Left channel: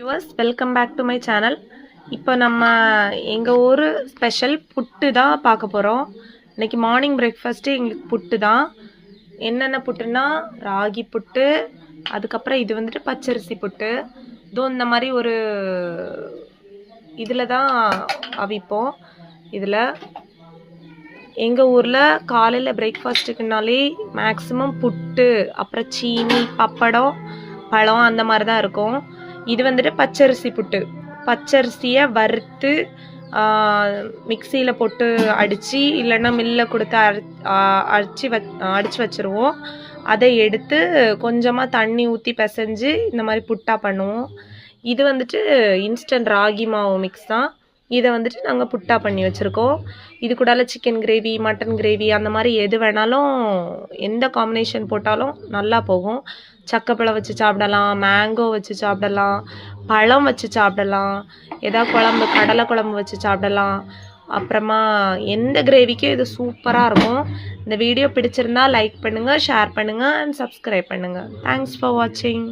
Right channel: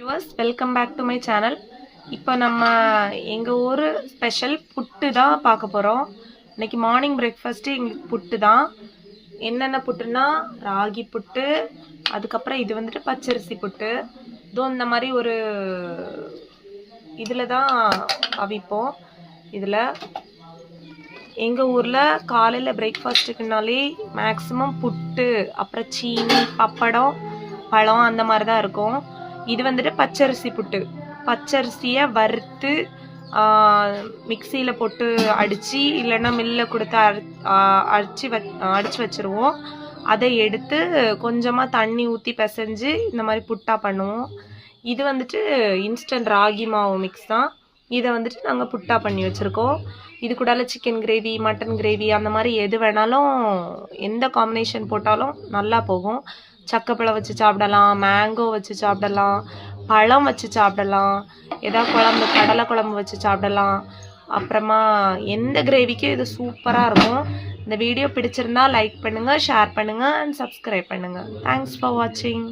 Viewers welcome back to my channel. இப்போ நம்ம எங்கள் ஊர் ஸ்பெஷல் புட்டு தான் பார்க்க போகிறோம். இன்றைக்கி மார்னிங் பிரேக்ஃபாஸ்ட்டு எங்களுக்கு புட்டு தான். என்னென்ன புட்டுன்னா ராகி புட்டு, அதுக்கப்புறம் இது வந்துட்டு பச்சரிசி புட்டு. இதுவும் இந்த மாதிரி ஒரு இதில் தான் அவிப்போம். இதில் எங்கள் ஊரில் காலையில் பிரேக்ஃபாஸ்ட்டுக்குனாலே மேக்ஸிமம் புட்டு, அப்புறம் சீனி, பப்படம், பழம் அந்த மாதிரி தான் இருக்கும். இது வந்துட்டு பச்சரிசி புட்டு. பச்சரிசியை வறுத்து மிக்சியில் போட்டு அடித்து இல்லைன்னா மில்லில் கொடுத்து அடித்து வச்சுருவோம். அதை எடுத்து கொஞ்சமாக தண்ணி ஊற்றி பிசைஞ்சு இந்த மாதிரி புட்டாக பண்ணுவோம். இது வந்துட்டு இன்ஸ்டன்ட் ராகி மாவு மிக்ஸ் தான். இதை வந்துட்டு நாங்கள் புட்டா பண்ணி வச்சுருக்கோம். இது கூடால சிக்கன் கிரேவி, மட்டன் கிரேவி அந்த மாதிரி எது வேணாலும், எந்த காம்பினேஷன் போட்டாலும் நல்லா போகும். சக்கப்பழம் வச்சு சாப்பிடலாம், மேங்கோ வச்சு சாப்பிடலாம், பழம் வச்சு சாப்பிடலாம், ஏதாவது குழம்பு, கடலை குழம்பு வச்சு சாப்பிடலாம். அப்புறமா எந்த கிரேவிக்கும் இது சூப்பராக இருக்கும். இந்த வீடியோ பிடிச்சிருந்தா லைக் பண்ணுங்கள், ஷேர் பண்ணுங்கள் அண்ட் சப்ஸ்கிரைப் பண்ணுங்கள். தேங்க்ஸ் ஃபார் வாட்சிங்.